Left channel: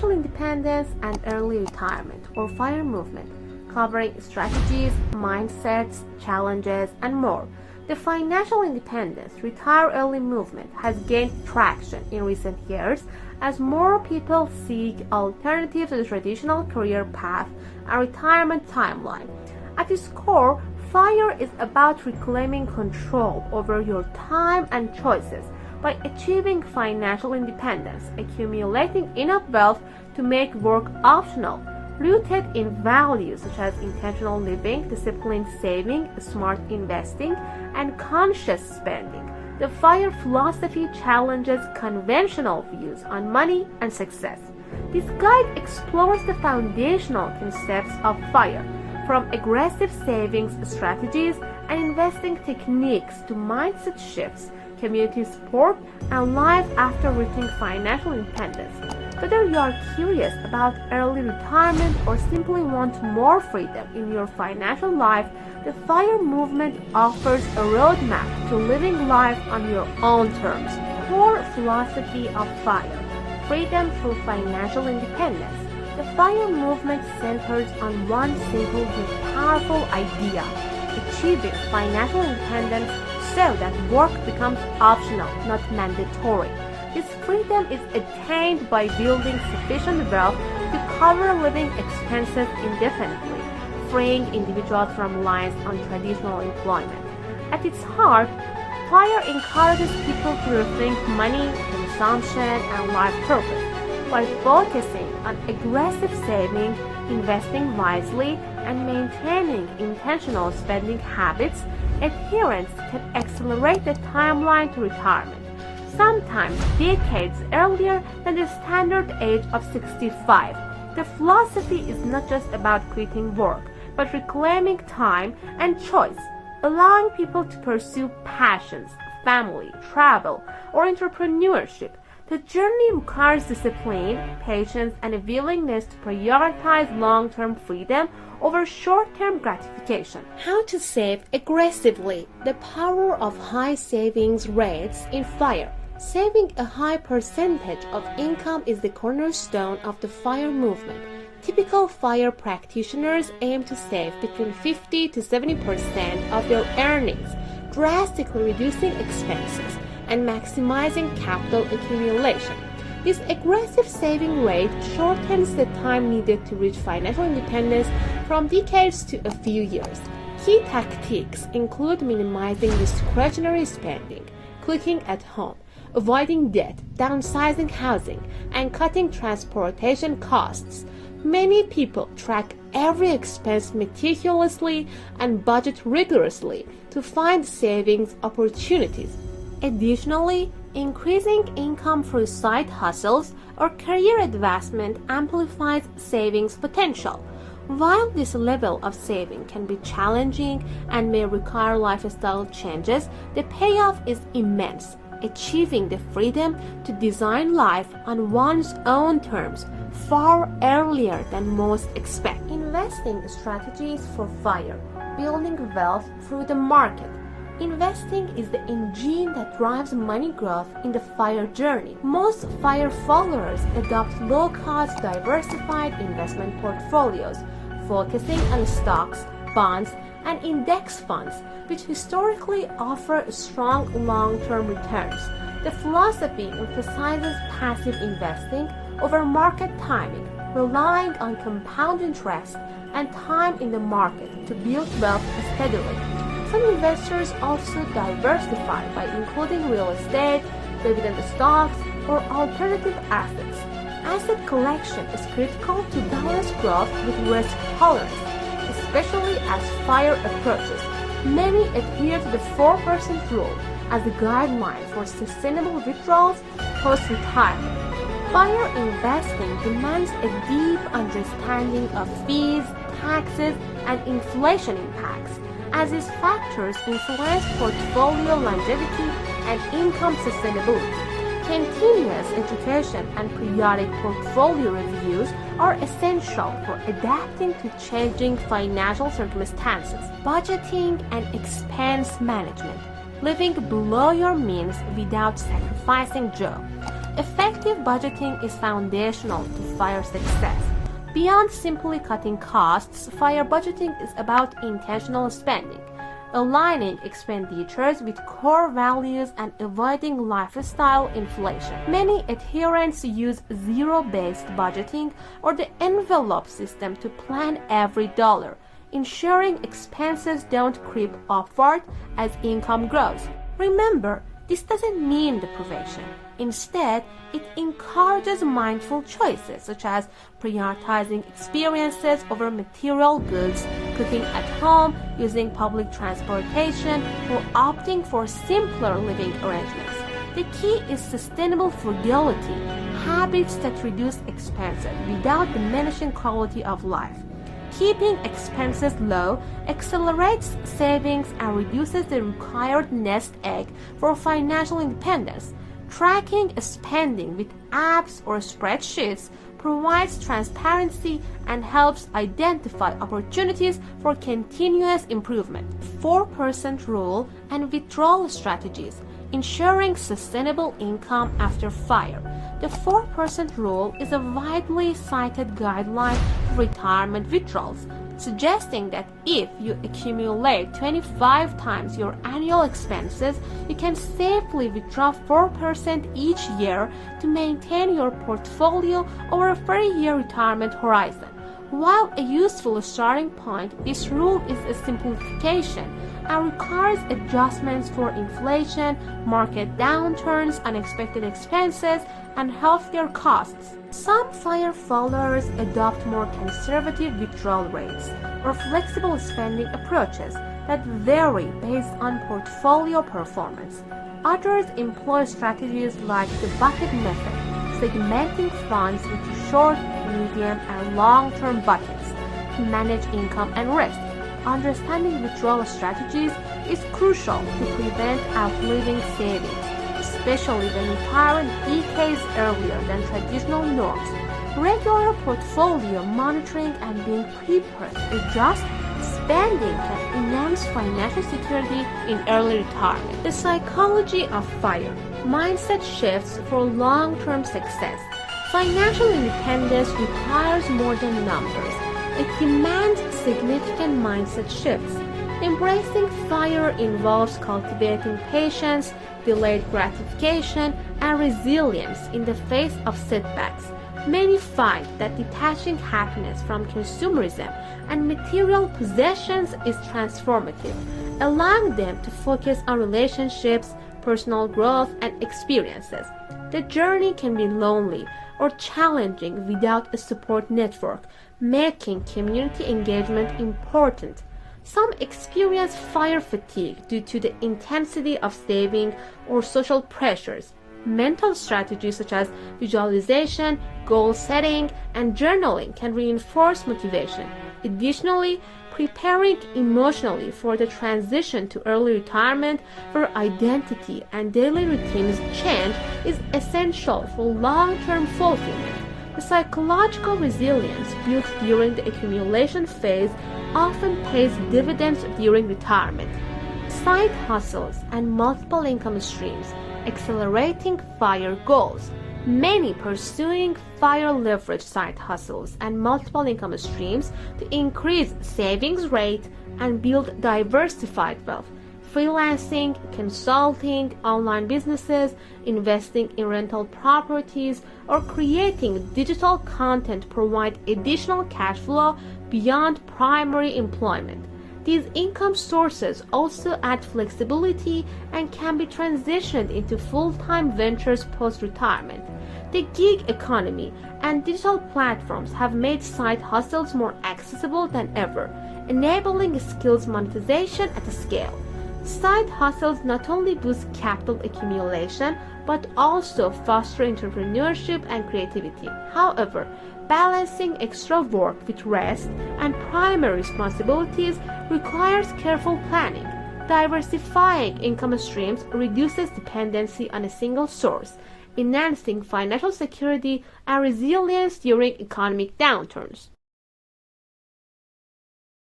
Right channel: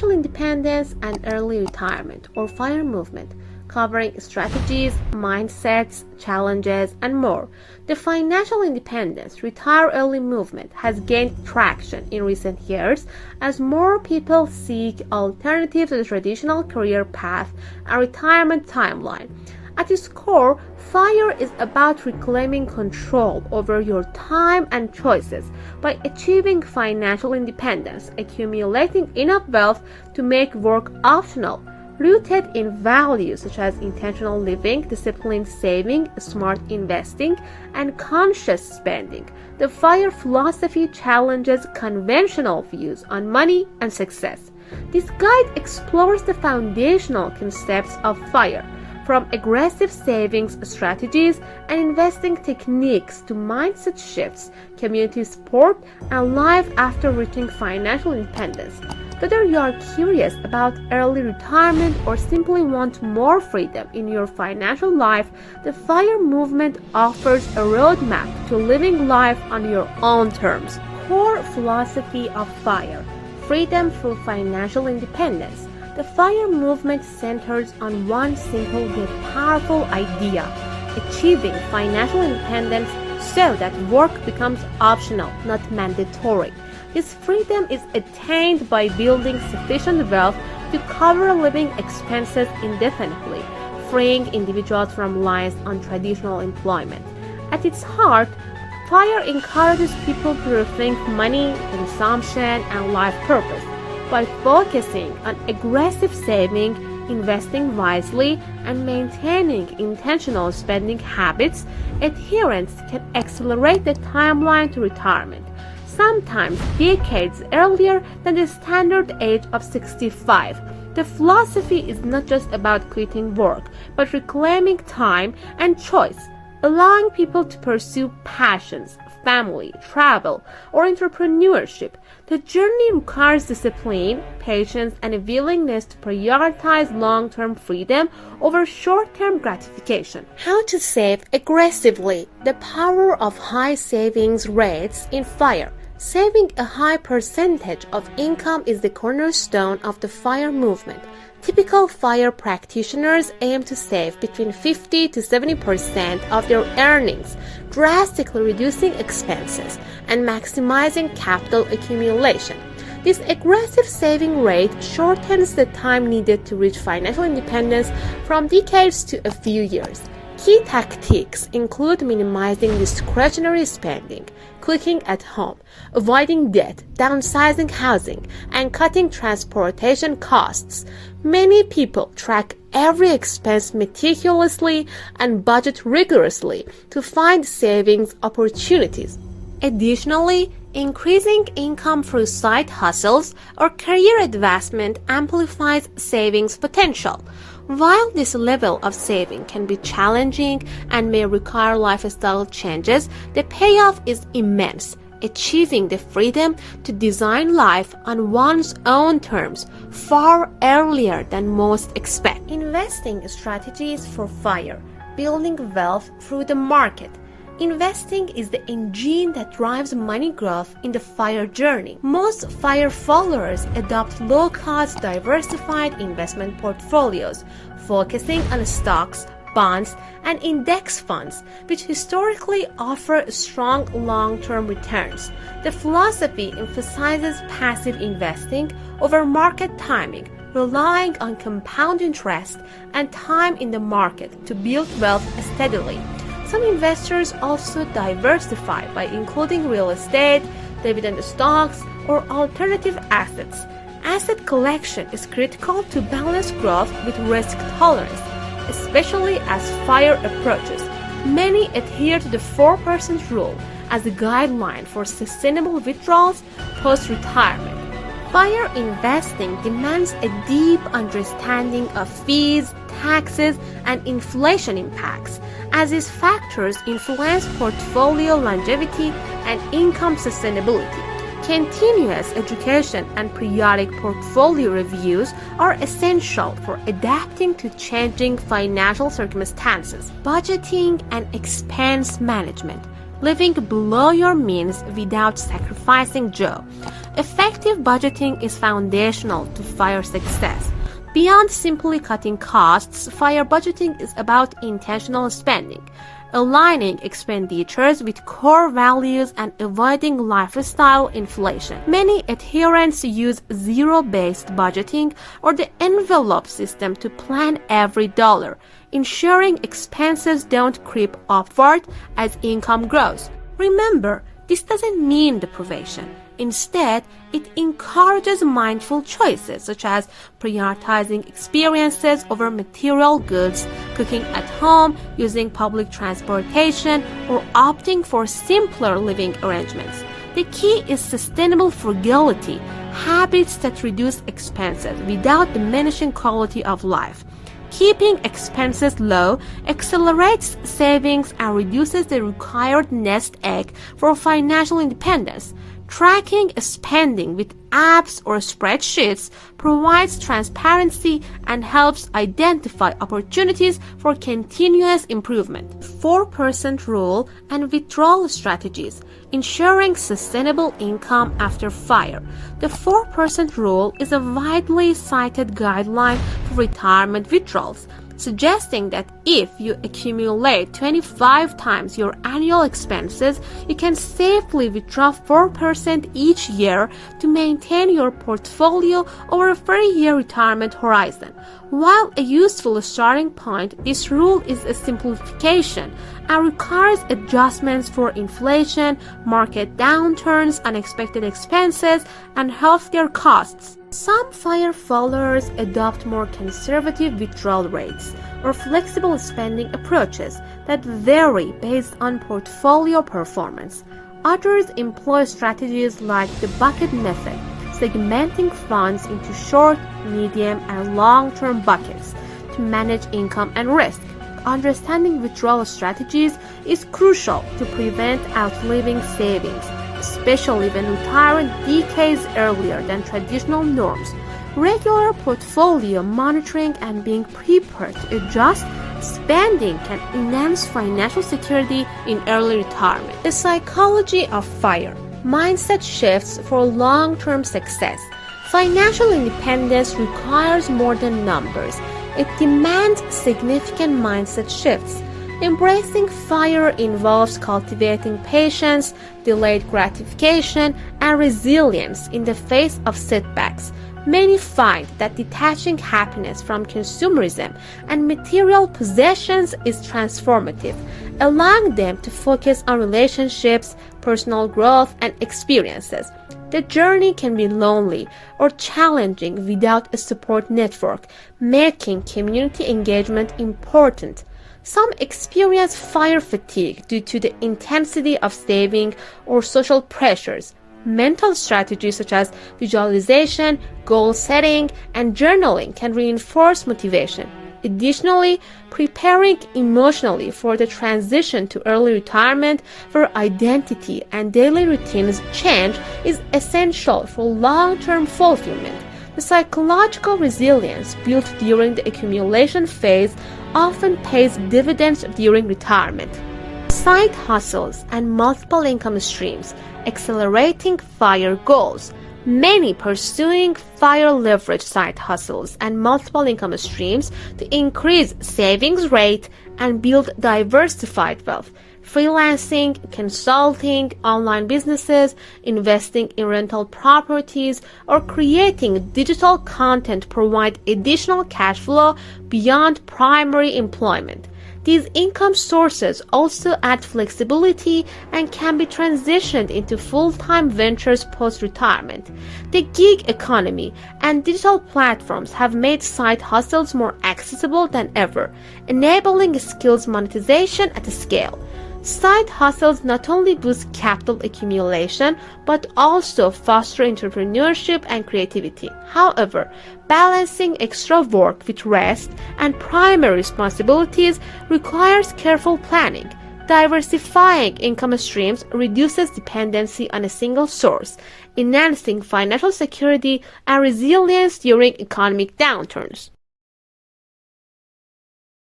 financial independence and early retirement, or FIRE movement, covering strategies, mindsets, challenges, and more. The financial independence, retire early movement has gained traction in recent years as more people seek alternatives to the traditional career path and retirement timeline. At its core, FIRE is about reclaiming control over your time and choices by achieving financial independence, accumulating enough wealth to make work optional, rooted in values such as intentional living, disciplined saving, smart investing, and conscious spending. The FIRE philosophy challenges conventional views on money and success. This guide explores the foundational concepts of FIRE, from aggressive savings strategies and investing techniques to mindset shifts, community support, and life after reaching financial independence. Whether you are curious about early retirement or simply want more freedom in your financial life, the FIRE movement offers a roadmap to living life on your own terms. Core philosophy of FIRE: freedom through financial independence. The FIRE movement centers on one simple yet powerful idea: achieving financial independence so that work becomes optional, not mandatory. This freedom is attained by building sufficient wealth to cover living expenses indefinitely, freeing individuals from reliance on traditional employment. At its heart, FIRE encourages people to rethink money, consumption, and life purpose. By focusing on aggressive saving, investing wisely, and maintaining intentional spending habits, adherents can accelerate the timeline to retirement, sometimes decades earlier than the standard age of 65. The philosophy is not just about quitting work, but reclaiming time and choice, allowing people to pursue passions, family, travel, or entrepreneurship. The journey requires discipline, patience, and a willingness to prioritize long-term freedom over short-term gratification. How to save aggressively: the power of high savings rates in FIRE. Saving a high percentage of income is the cornerstone of the FIRE movement. Typical FIRE practitioners aim to save between 50 to 70% of their earnings, drastically reducing expenses and maximizing capital accumulation. This aggressive saving rate shortens the time needed to reach financial independence from decades to a few years. Key tactics include minimizing discretionary spending, cooking at home, avoiding debt, downsizing housing, and cutting transportation costs. Many people track every expense meticulously and budget rigorously to find savings opportunities. Additionally, increasing income through side hustles or career advancement amplifies savings potential. While this level of saving can be challenging and may require lifestyle changes, the payoff is immense, achieving the freedom to design life on one's own terms far earlier than most expect. Investing strategies for FIRE: building wealth through the market. Investing is the engine that drives money growth in the FIRE journey. Most FIRE followers adopt low-cost, diversified investment portfolios, focusing on stocks, bonds, and index funds, which historically offer strong long-term returns. The philosophy emphasizes passive investing over market timing, relying on compound interest and time in the market to build wealth steadily. Some investors also diversify by including real estate, dividend stocks, or alternative assets. Asset collection is critical to balance growth with risk tolerance, especially as FIRE approaches. Many adhere to the 4% rule as a guideline for sustainable withdrawals post-retirement. FIRE investing demands a deep understanding of fees, taxes, and inflation impacts, as these factors influence portfolio longevity and income sustainability. Continuous education and periodic portfolio reviews are essential for adapting to changing financial circumstances. Budgeting and expense management. living below your means without sacrificing joy. Effective budgeting is foundational to FIRE success. Beyond simply cutting costs, FIRE budgeting is about intentional spending, aligning expenditures with core values and avoiding lifestyle inflation. Many adherents use zero-based budgeting or the envelope system to plan every dollar, ensuring expenses don't creep upward as income grows. Remember, this doesn't mean deprivation. Instead, it encourages mindful choices such as prioritizing experiences over material goods, cooking at home, using public transportation, or opting for simpler living arrangements. The key is sustainable frugality, habits that reduce expenses without diminishing quality of life. Keeping expenses low accelerates savings and reduces the required nest egg for financial independence. Tracking spending with apps or spreadsheets provides transparency and helps identify opportunities for continuous improvement. 4% rule and withdrawal strategies, ensuring sustainable income after FIRE. The 4% rule is a widely cited guideline for retirement withdrawals, suggesting that if you accumulate 25 times your annual expenses, you can safely withdraw 4% each year to maintain your portfolio over a 30-year retirement horizon. While a useful starting point, this rule is a simplification and requires adjustments for inflation, market downturns, unexpected expenses, and healthcare costs. Some FIRE followers adopt more conservative withdrawal rates or flexible spending approaches that vary based on portfolio performance. Others employ strategies like the bucket method, segmenting funds into short, medium, and long-term buckets to manage income and risk. Understanding withdrawal strategies is crucial to prevent outliving savings, especially when retiring decades earlier than traditional norms. Regular portfolio monitoring and being prepared to adjust spending can enhance financial security in early retirement. The psychology of FIRE. Mindset shifts for long-term success. Financial independence requires more than numbers. It demands significant mindset shifts. Embracing FIRE involves cultivating patience, delayed gratification, and resilience in the face of setbacks. Many find that detaching happiness from consumerism and material possessions is transformative, allowing them to focus on relationships, personal growth, and experiences. The journey can be lonely or challenging without a support network, making community engagement important. Some experience FIRE fatigue due to the intensity of saving or social pressures. Mental strategies such as visualization, goal setting, and journaling can reinforce motivation. Additionally, preparing emotionally for the transition to early retirement where identity and daily routines change is essential for long-term fulfillment. The psychological resilience built during the accumulation phase often pays dividends during retirement. Side hustles and multiple income streams, accelerating FIRE goals. Many pursuing FIRE leverage side hustles and multiple income streams to increase savings rate and build diversified wealth. Freelancing, consulting, online businesses, investing in rental properties, or creating digital content provide additional cash flow beyond primary employment. These income sources also add flexibility and can be transitioned into full-time ventures post-retirement. The gig economy and digital platforms have made side hustles more accessible than ever, enabling skills monetization at scale. Side hustles not only boost capital accumulation but also foster entrepreneurship and creativity. However, balancing extra work with rest and primary responsibilities requires careful planning. Diversifying income streams reduces dependency on a single source, enhancing financial security and resilience during economic downturns.